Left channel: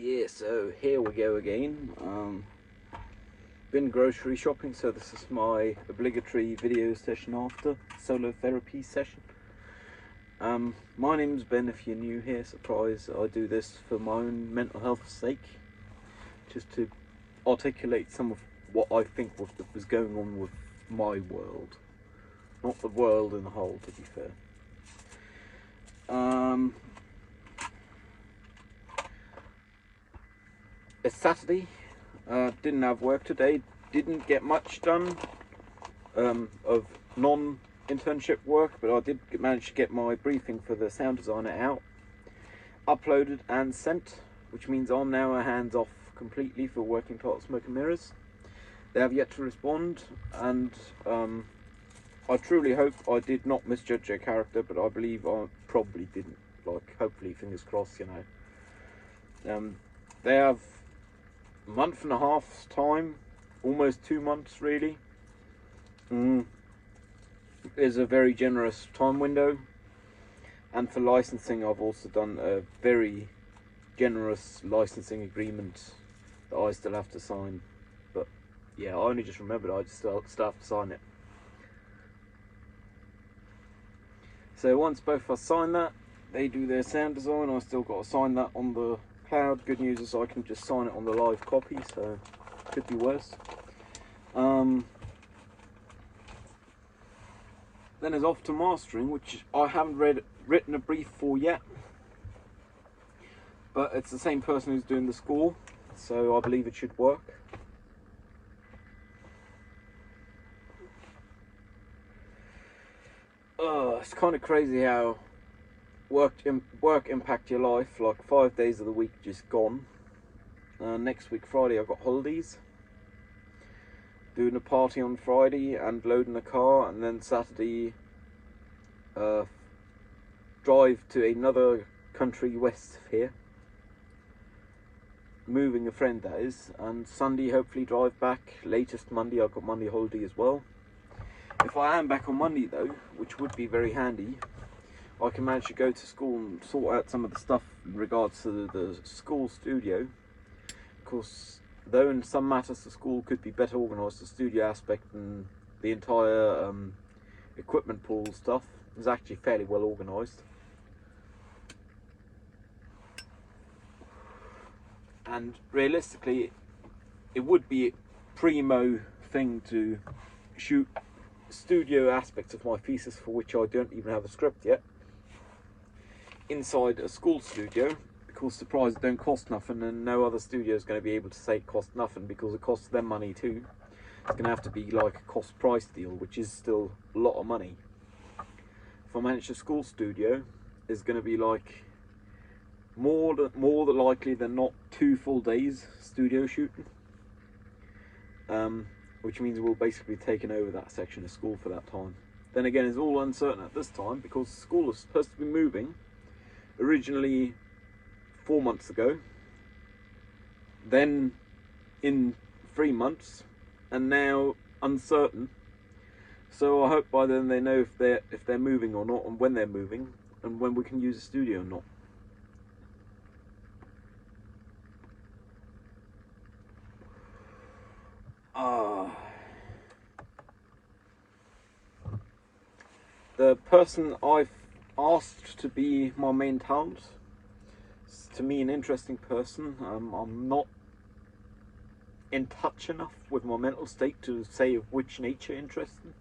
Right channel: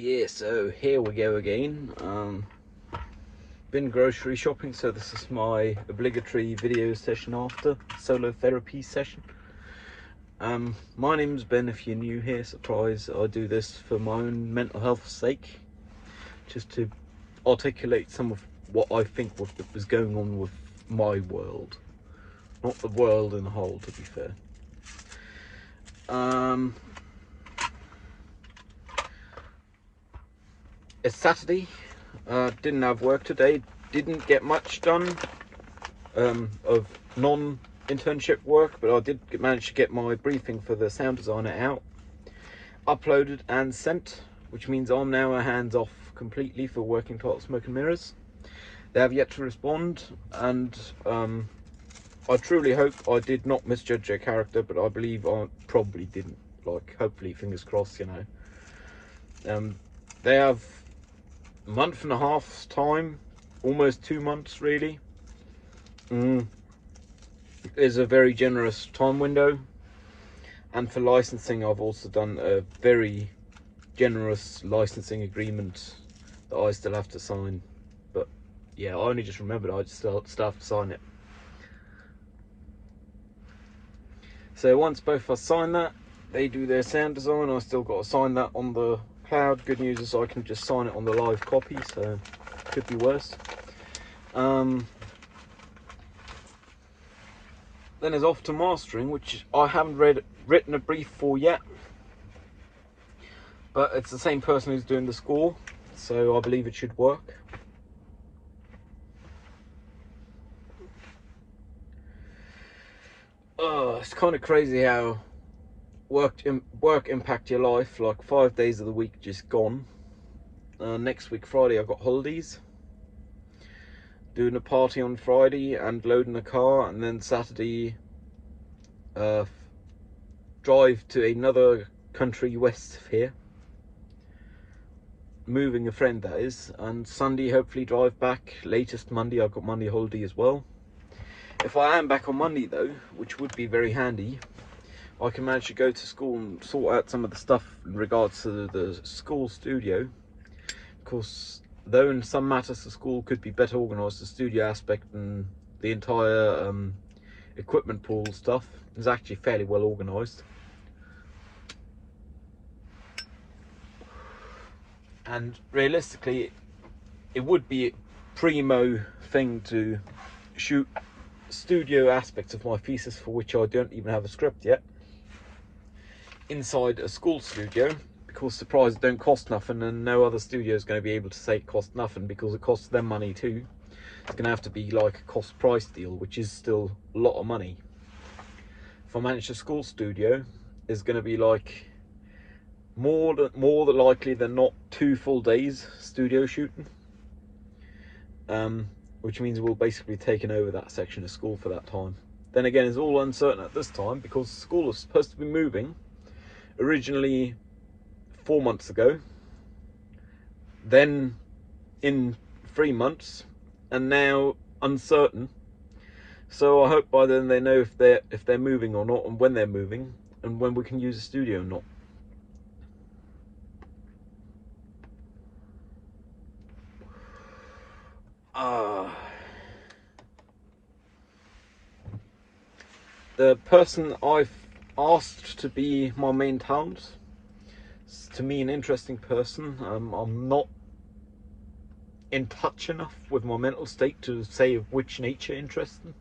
Yeah, so here we go again. Been grocery shopping, so this is my obligatory video session after solo therapy session. My name's Ben. If you're new here, surprise, I do this for my own mental health sake, just to articulate some of what I think was going on with my world, not the world in a whole, to be fair. It's Saturday. Didn't have work today. Didn't get much done of non-internship work, but I did manage to get my briefing for the sound designer out, uploaded and sent, which means I'm now hands off completely for Working Title Smoke and Mirrors. They have yet to respond, and I truly hope I did not misjudge their character, but I believe I probably didn't. Like, hopefully, fingers crossed, you know. They have a month and a half's time, almost 2 months really. Is a very generous time window, and for licensing I've also done a very generous licensing agreement that I still have to sign. But yeah, I only just remembered I still have to sign it. So once both of us sign that, they do their sound design. I still got to sign that on the cloud. Good news is I can just sign it on the live copy, so could be worse. Then it's off to mastering, which I haven't written a brief for yet, but it's the same person who's doing the score, so I believe it should work. It's kind of crazy how work impact your life. Like 5 days of the week just gone. Next week Friday I've got holidays, doing a party on Friday and loading a car, and then Saturday drive to another country west of here, moving a friend that is, and Sunday hopefully drive back. Latest Monday. I've got Monday holiday as well. If I am back on Monday though, which would be very handy, I can manage to go to school and sort out some of the stuff in regards to the school studio. Of course, though in some matters the school could be better organised, the studio aspect and the entire equipment pool stuff is actually fairly well organised. And realistically, it would be a primo thing to shoot studio aspects of my thesis, for which I don't even have a script yet, inside a school studio, because surprise, it don't cost nothing, and no other studio is going to be able to say it costs nothing, because it costs them money too. It's going to have to be like a cost price deal, which is still a lot of money. If I manage a school studio, it's going to be like more than likely than not 2 full days studio shooting, which means we'll basically taken over that section of school for that time. Then again, it's all uncertain at this time, because school is supposed to be moving originally 4 months ago, then in 3 months, and now uncertain. So I hope by then they know if they're moving or not, and when they're moving, and when we can use the studio or not. The person I've asked to be my main talent is, to me, an interesting person. I'm not in touch enough with my mental state to say of which nature interests them.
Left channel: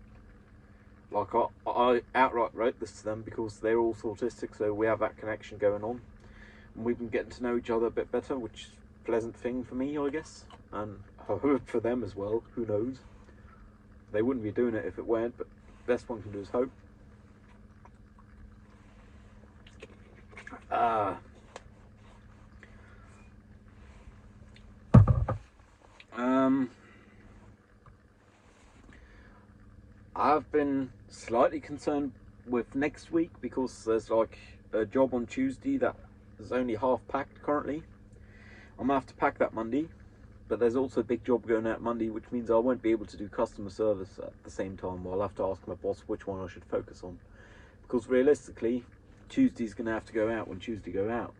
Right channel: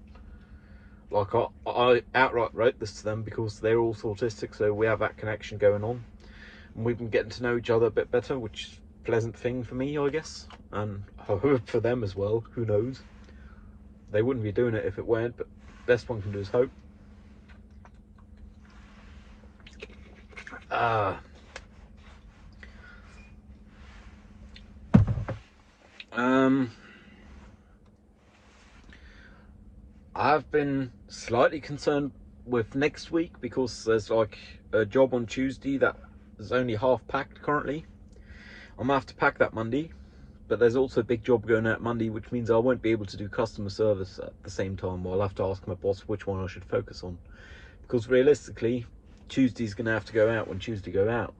Like, I outright wrote this to them because they're also autistic, so we have that connection going on, and we've been getting to know each other a bit better, which is a pleasant thing for me, I guess, and I hope for them as well. Who knows? They wouldn't be doing it if it weren't, but best one can do is hope. I've been slightly concerned with next week, because there's like a job on Tuesday that is only half packed currently. I'm gonna have to pack that Monday, but there's also a big job going out Monday, which means I won't be able to do customer service at the same time. I'll have to ask my boss which one I should focus on, because realistically Tuesday's gonna have to go out when Tuesday go out.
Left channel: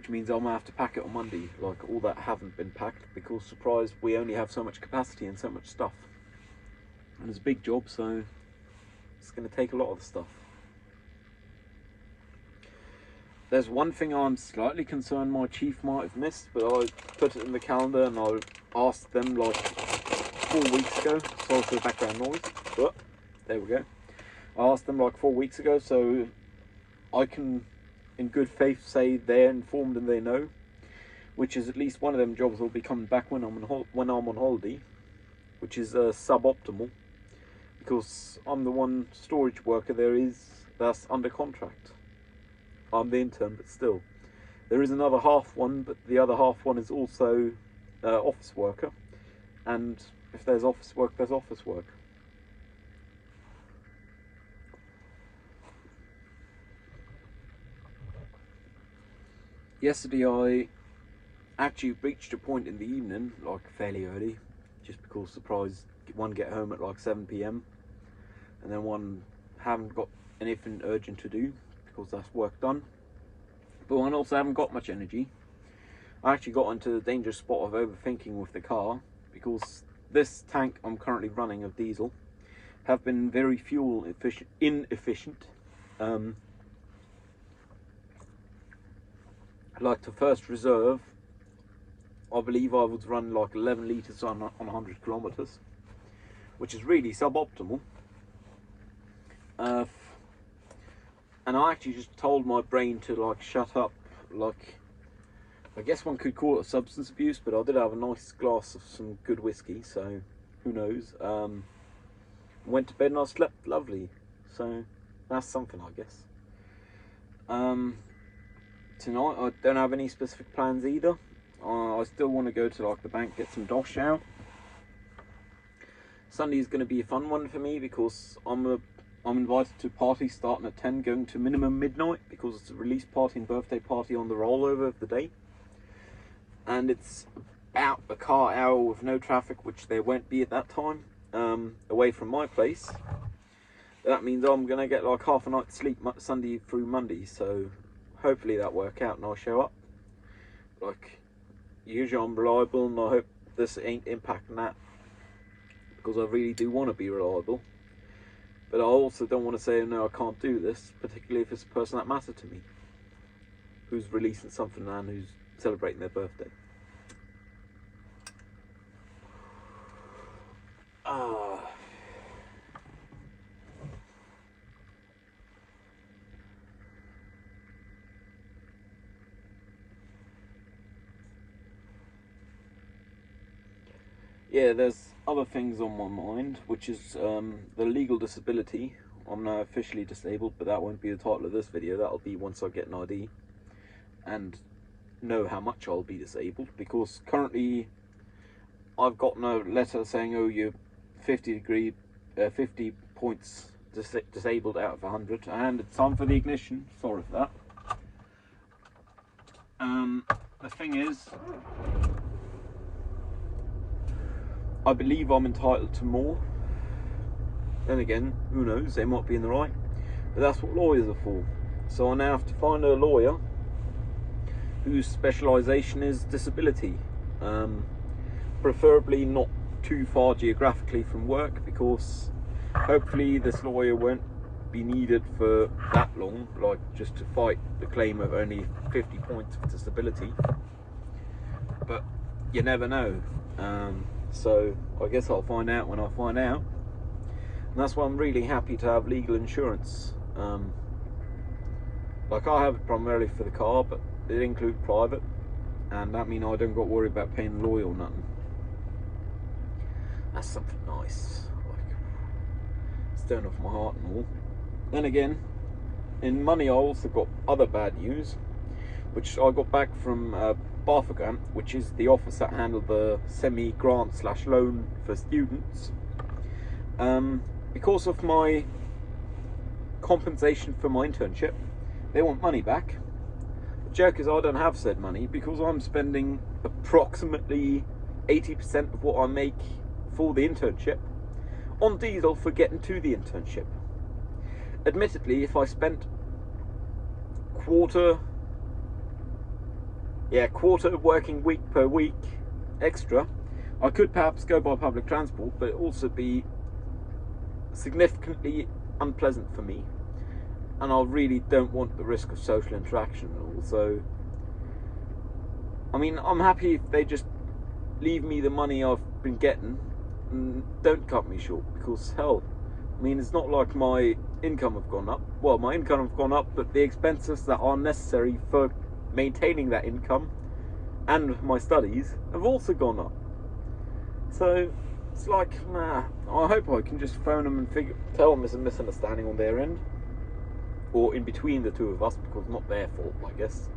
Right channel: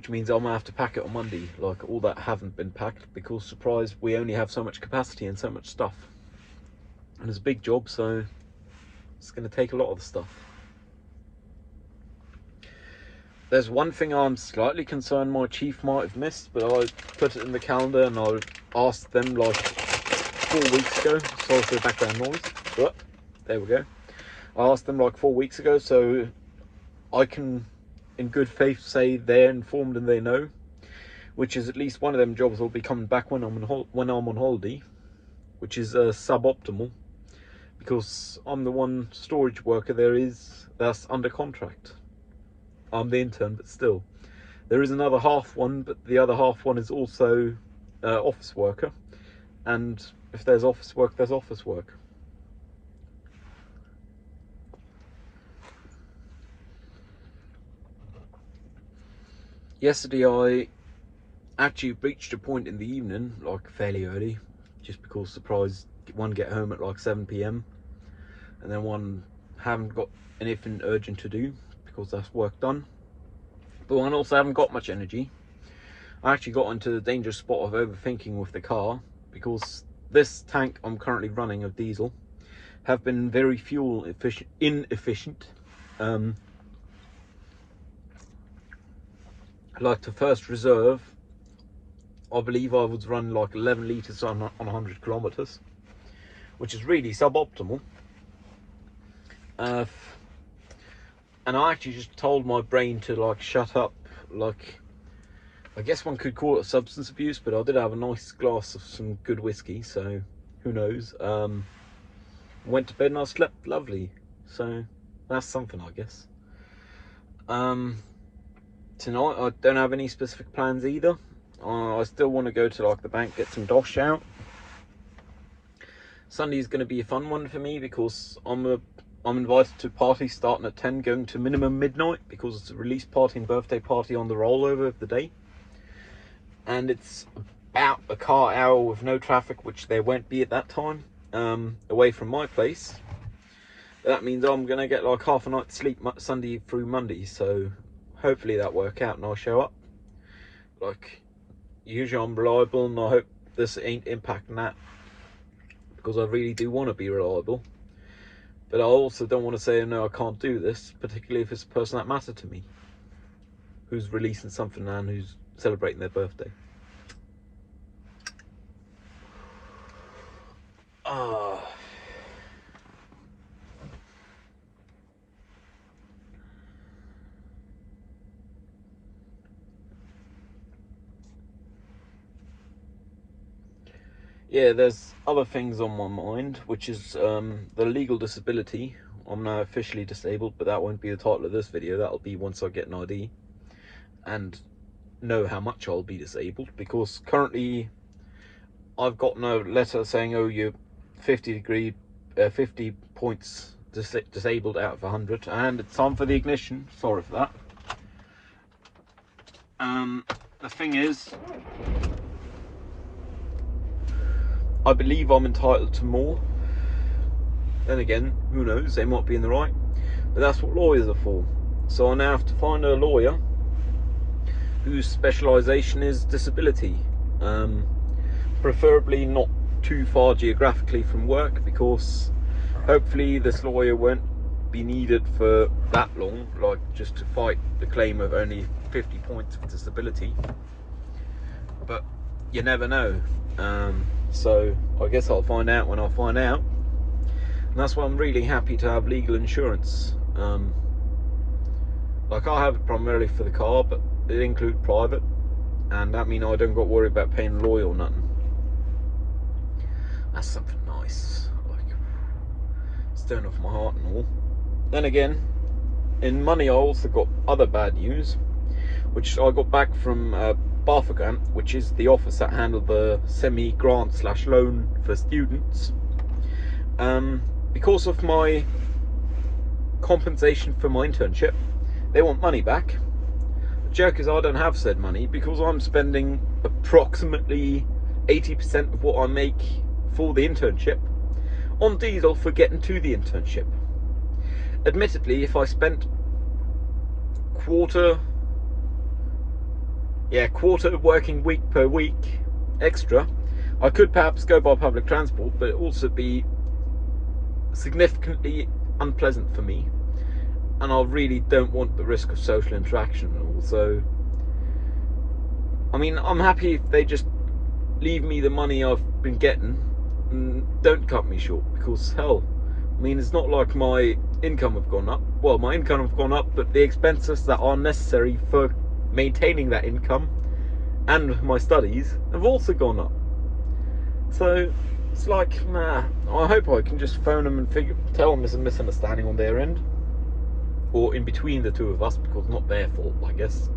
which means I'm gonna have to pack it on Monday. Like, all that haven't been packed because, surprise, we only have so much capacity and so much stuff, and it's a big job, so it's gonna take a lot of the stuff. There's one thing I'm slightly concerned my chief might have missed, but I put it in the calendar and I asked them like 4 weeks ago. Sorry for the background noise. But there we go. I asked them like 4 weeks ago, so I can in good faith say they're informed and they know, which is at least one of them jobs will be coming back when I'm on holiday, which is suboptimal because I'm the one storage worker there is that's under contract. I'm the intern, but still. There is another half one, but the other half one is also office worker. And if there's office work, there's office work. Yesterday I actually reached a point in the evening, like fairly early, just because, surprise, one get home at like 7 PM. And then one haven't got anything urgent to do, because that's work done, but one also haven't got much energy. I actually got into the dangerous spot of overthinking with the car, because this tank I'm currently running of diesel have been very fuel inefficient. Like the first reserve, I believe I was running like 11 litres on 100 kilometers, which is really suboptimal. And I actually just told my brain to like shut up. Like, I guess one could call it substance abuse, but I did have a nice glass of some good whiskey, so who knows. Went to bed and I slept lovely, so that's something, I guess. Tonight I don't have any specific plans either. I still want to go to like the bank, get some dosh out. Sunday's going to be a fun one for me because I'm invited to a party starting at 10, going to minimum midnight, because it's a release party and birthday party on the rollover of the day. And it's about a car hour with no traffic, which there won't be at that time, away from my place. But that means I'm going to get like half a night's sleep Sunday through Monday, so hopefully that work out and I'll show up. Like, usually I'm reliable, and I hope this ain't impacting that, because I really do want to be reliable. But I also don't want to say, no, I can't do this, particularly if it's a person that matters to me, who's releasing something and who's celebrating their birthday. Yeah, there's other things on my mind, which is the legal disability. I'm now officially disabled, but that won't be the title of this video. That'll be once I get an ID and know how much I'll be disabled, because currently I've gotten a letter saying, oh, you're 50 points disabled out of 100, and it's time for the ignition. Sorry for that. The thing is, I believe I'm entitled to more. Then again, who knows, they might be in the right, but that's what lawyers are for. So I now have to find a lawyer whose specialisation is disability, preferably not too far geographically from work, because hopefully this lawyer won't be needed for that long, like just to fight the claim of only 50 points of disability. But you never know. So I guess I'll find out when I find out. And that's why I'm really happy to have legal insurance. Like, I have it primarily for the car, but it includes private, and that means I don't got to worry about paying a lawyer or nothing. That's something nice. Like, it's turning off my heart and all. Then again, in money I also got other bad news, which I got back from Barthogrant, which is the office that handled the semi-grant / loan for students. Because of my compensation for my internship, they want money back. The joke is I don't have said money, because I'm spending approximately 80% of what I make for the internship on diesel for getting to the internship. Admittedly, if I spent quarter yeah, quarter working week per week extra. I could perhaps go by public transport, but it would also be significantly unpleasant for me, and I really don't want the risk of social interaction. Also, I mean, I'm happy if they just leave me the money I've been getting and don't cut me short, because hell, I mean, it's not like my income have gone up. Well, my income have gone up, but the expenses that are necessary for maintaining that income and my studies have also gone up. So it's like, nah, I hope I can just phone them and tell them there's a misunderstanding on their end, or in between the two of us, because it's not their fault, I guess.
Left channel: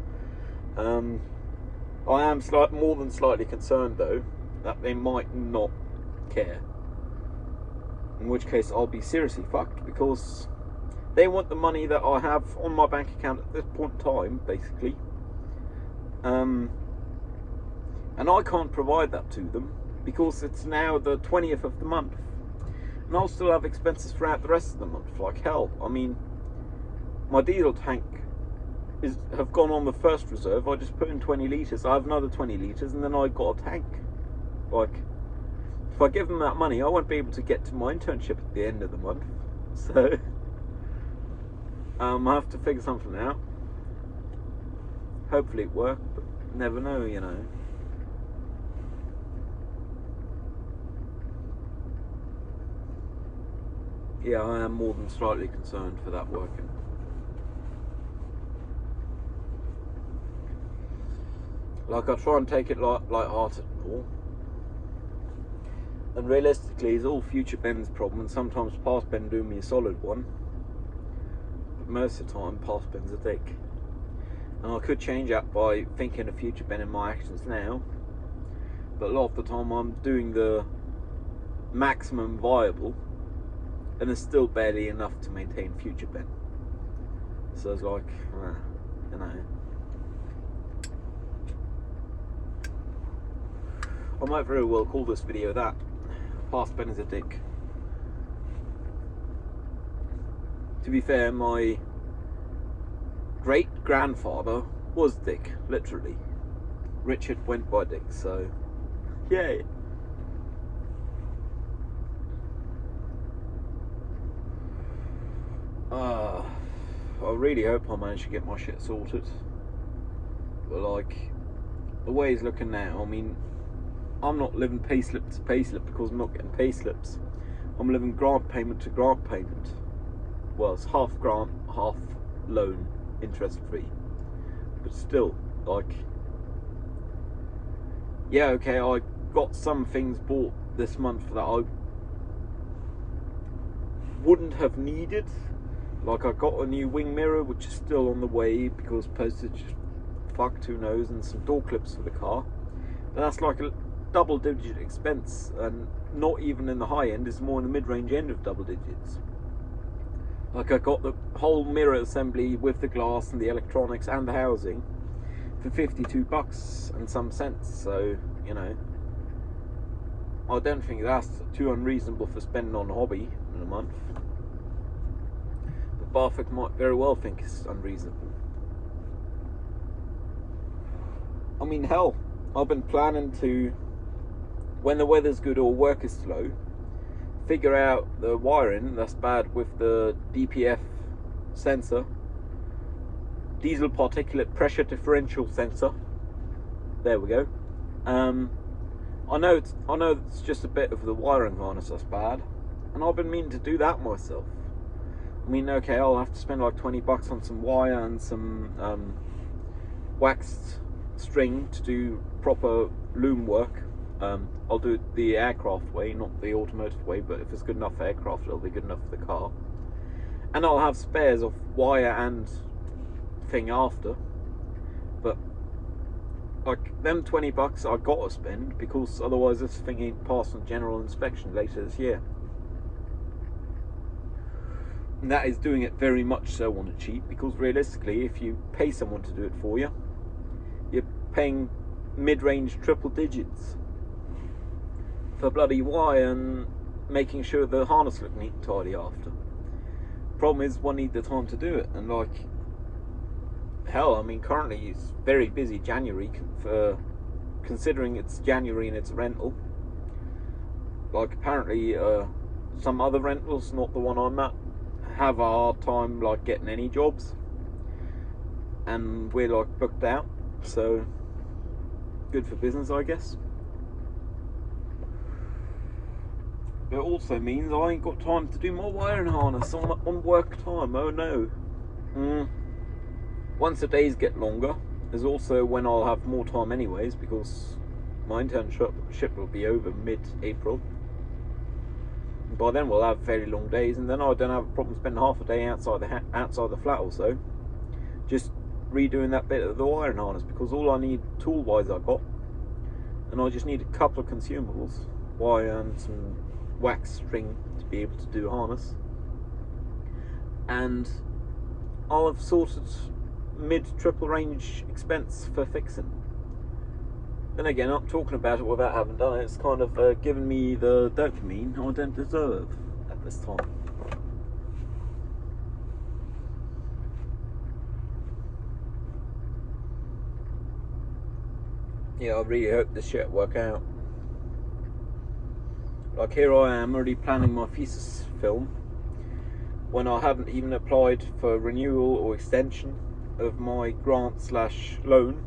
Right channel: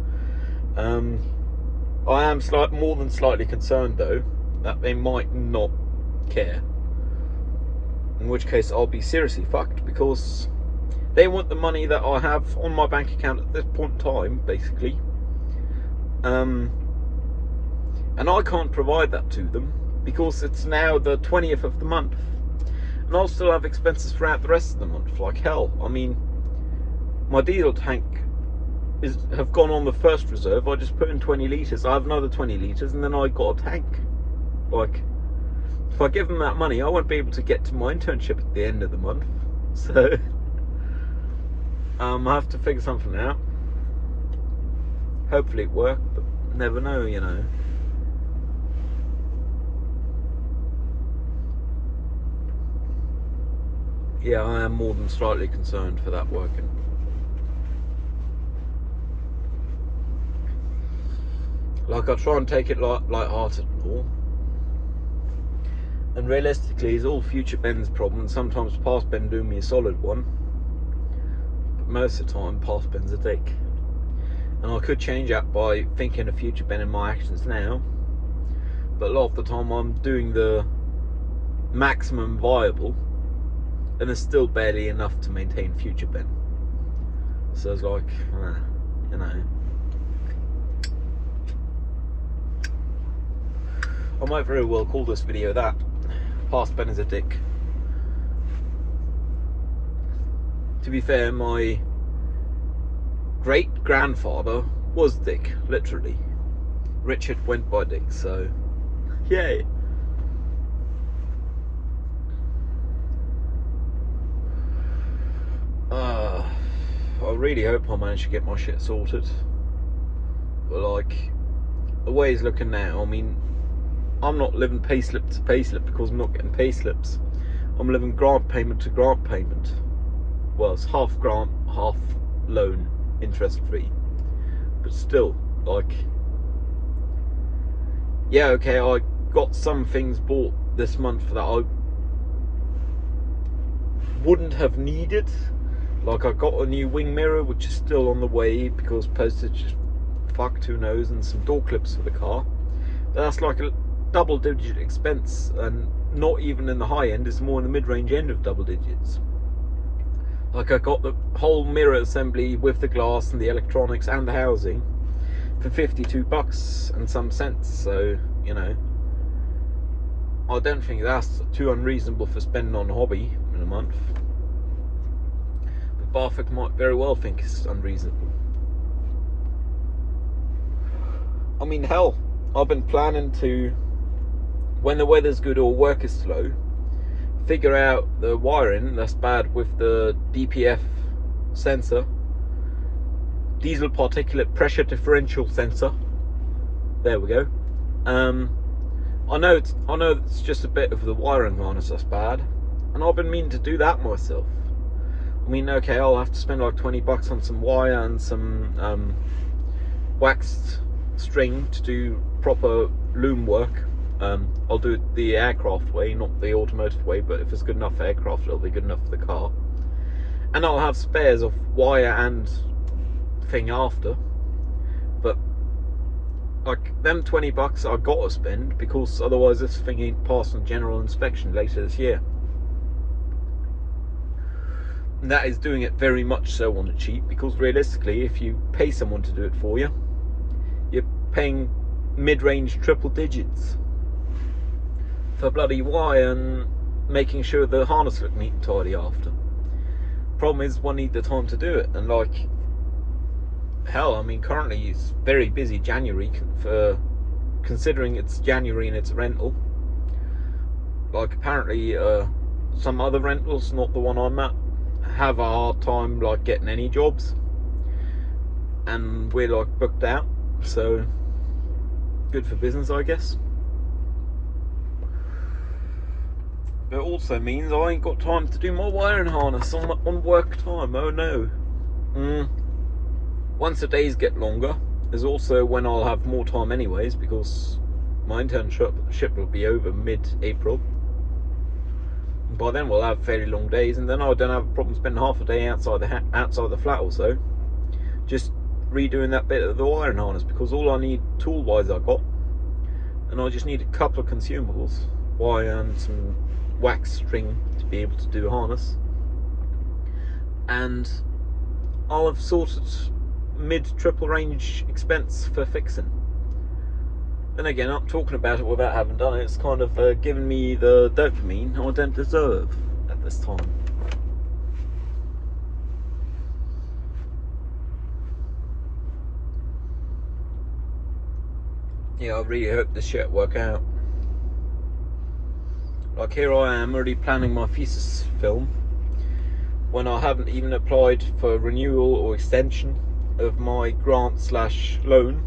I am more than slightly concerned, though, that they might not care. In which case, I'll be seriously fucked, because they want the money that I have on my bank account at this point in time, basically. And I can't provide that to them, because it's now the 20th of the month. And I'll still have expenses throughout the rest of the month, like hell. I mean, my diesel tank have gone on the first reserve. I just put in 20 litres. I have another 20 litres, and then I got a tank. Like, if I give them that money, I won't be able to get to my internship at the end of the month. So, I have to figure something out. Hopefully it works, but never know, you know. Yeah, I am more than slightly concerned for that working. Like, I try and take it light-hearted and all. And realistically, it's all future Ben's problem, and sometimes past Ben doing me a solid one. But most of the time, past Ben's a dick. And I could change that by thinking of future Ben in my actions now. But a lot of the time, I'm doing the maximum viable, and it's still barely enough to maintain future Ben. So it's like, you know. I might very well call this video that. Past Ben is a dick. To be fair, my great-grandfather was Dick, literally. Richard went by Dick, so yay. I really hope I manage to get my shit sorted. But like, the way it's looking now, I mean, I'm not living payslip to payslip because I'm not getting payslips. I'm living grant payment to grant payment. Well, it's half grant, half loan, interest free. But still, like, yeah, okay, I got some things bought this month that I wouldn't have needed. Like, I got a new wing mirror, which is still on the way because postage fucked, who knows, and some door clips for the car. But that's like a double-digit expense, and not even in the high end, it's more in the mid-range end of double digits. Like, I got the whole mirror assembly with the glass and the electronics and the housing for $52 and some cents. So, you know, I don't think that's too unreasonable for spending on a hobby in a month. But Barfik might very well think it's unreasonable. I mean, hell, I've been planning to, when the weather's good or work is slow, figure out the wiring that's bad with the DPF sensor, diesel particulate pressure differential sensor. There we go. I know it's just a bit of the wiring harness that's bad, and I've been meaning to do that myself. I mean, okay, I'll have to spend like $20 on some wire and some waxed string to do proper loom work. I'll do it the aircraft way, not the automotive way, but if it's good enough for aircraft, it'll be good enough for the car. And I'll have spares of wire and thing after. But like, them $20 I gotta spend, because otherwise this thing ain't passing general inspection later this year. And that is doing it very much so on the cheap, because realistically, if you pay someone to do it for you, you're paying mid-range triple digits for bloody wire and making sure the harness look neat and tidy after. Problem is, one need the time to do it, and like, hell, I mean, currently it's very busy January for considering it's January and it's a rental. Like apparently, some other rentals, not the one I'm at, have a hard time like getting any jobs, and we're like booked out. So good for business, I guess. But it also means I ain't got time to do my wiring harness on work time. Oh no. Once the days get longer, there's also when I'll have more time anyways, because my internship will be over mid-April. By then we'll have fairly long days, and then I don't have a problem spending half a day outside the flat also, just redoing that bit of the wiring harness, because all I need tool-wise I got, and I just need a couple of consumables, wire and some wax string to be able to do a harness, and I'll have sorted mid-triple range expense for fixing. Then again, I'm talking about it without having done it. It's kind of giving me the dopamine I don't deserve at this time. Yeah, I really hope this shit work out. Like here I am already planning my thesis film when I haven't even applied for renewal or extension of my grant/loan,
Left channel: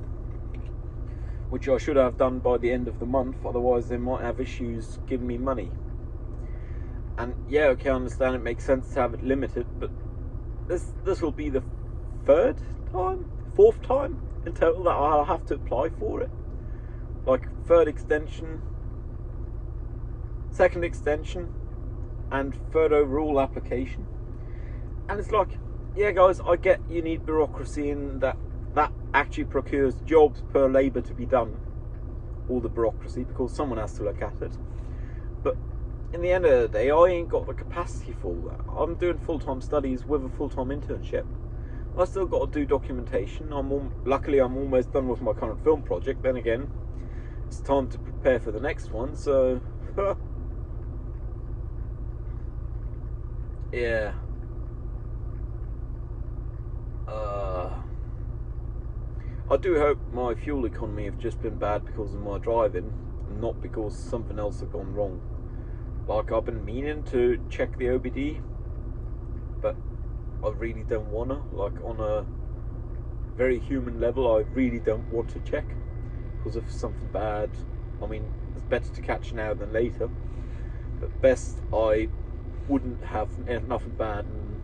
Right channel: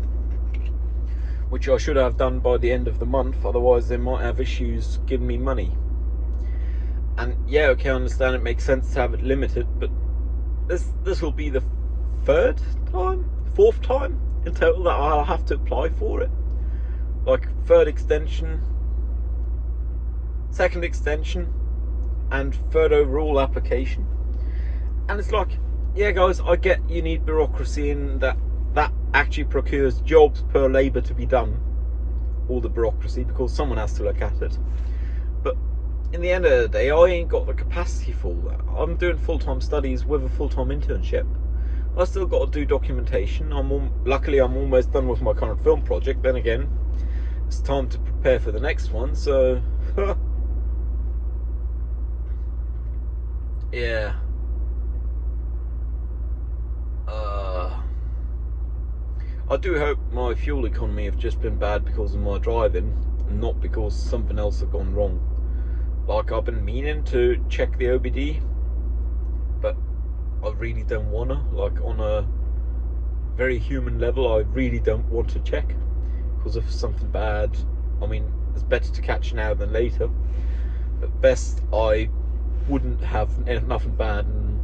which I should have done by the end of the month, otherwise they might have issues giving me money. And yeah, okay, I understand it makes sense to have it limited, but this will be the fourth time in total that I'll have to apply for it. Like third extension, second extension, and third overall application. And it's like, yeah guys, I get you need bureaucracy in that actually procures jobs per labour to be done, all the bureaucracy, because someone has to look at it. But in the end of the day, I ain't got the capacity for all that. I'm doing full-time studies with a full-time internship. I still got to do documentation. Luckily I'm almost done with my current film project. Then again, it's time to prepare for the next one, so yeah. I do hope my fuel economy have just been bad because of my driving, not because something else has gone wrong. Like, I've been meaning to check the OBD, but I really don't wanna. Like, on a very human level, I really don't want to check, because if something bad, I mean, it's better to catch now than later. But best I wouldn't have nothing bad, and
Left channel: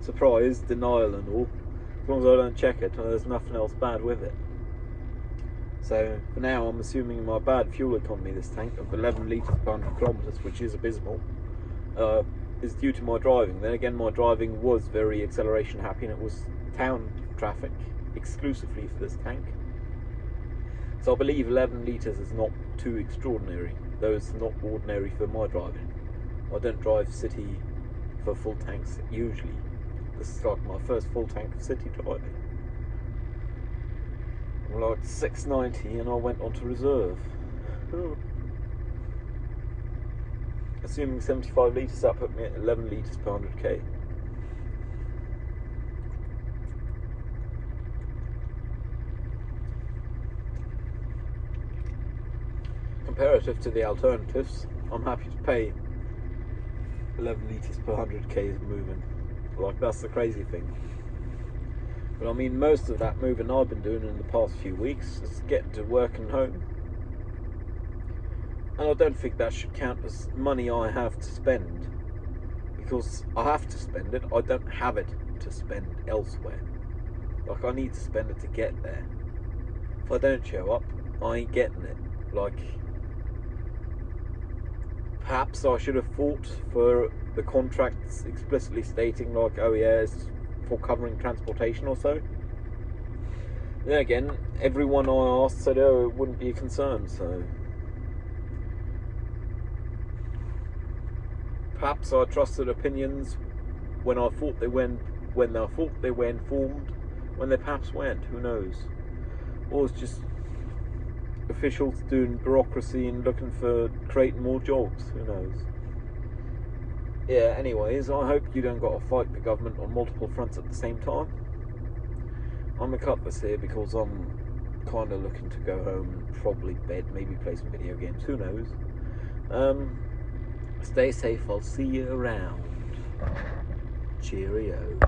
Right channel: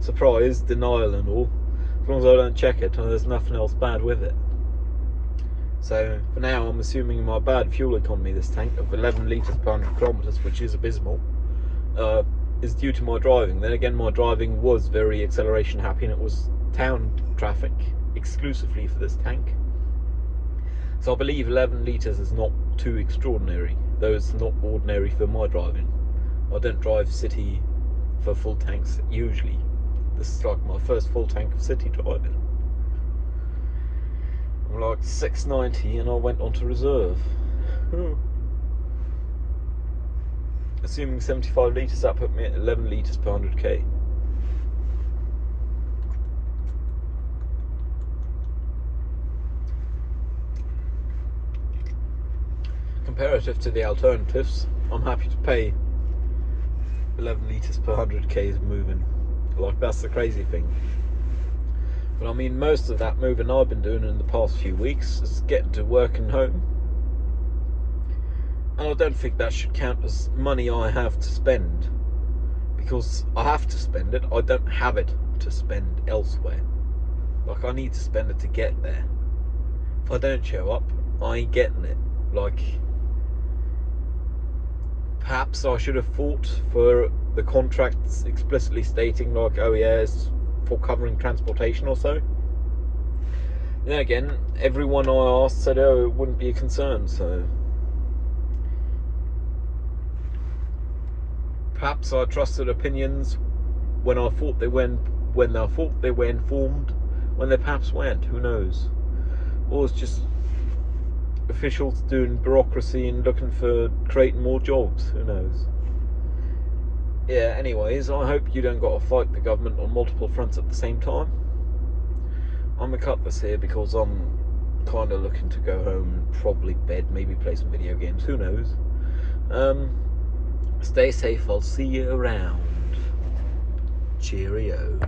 surprise, denial and all. As long as I don't check it and there's nothing else bad with it. So for now I'm assuming my bad fuel economy, this tank of 11 litres per 100 kilometres, which is abysmal, is due to my driving. Then again, my driving was very acceleration happy, and it was town traffic exclusively for this tank. So I believe 11 litres is not too extraordinary, though it's not ordinary for my driving. I don't drive city for full tanks usually. This is like my first full tank of city driving. I'm like 690 and I went onto reserve. Assuming 75 litres, that put me at 11 litres per 100k. Comparative to the alternatives, I'm happy to pay 11 litres per 100k moving. Like, that's the crazy thing. But I mean, most of that moving I've been doing in the past few weeks is getting to work and home. And I don't think that should count as money I have to spend, because I have to spend it. I don't have it to spend elsewhere. Like, I need to spend it to get there. If I don't show up, I ain't getting it. Like, perhaps I should have fought for the contracts explicitly stating, like, oh yeah, it's for covering transportation or so. Then again, everyone I asked said, oh, it wouldn't be a concern, so perhaps I trusted opinions when I thought they were informed, when they perhaps weren't, who knows. Or it's just officials doing bureaucracy and looking for creating more jobs, who knows. Yeah, anyways, I hope you don't got to fight the government on multiple fronts at the same time. I'm gonna cut this here because I'm kind of looking to go home and probably bed, maybe play some video games, who knows. Stay safe, I'll see you around. Cheerio.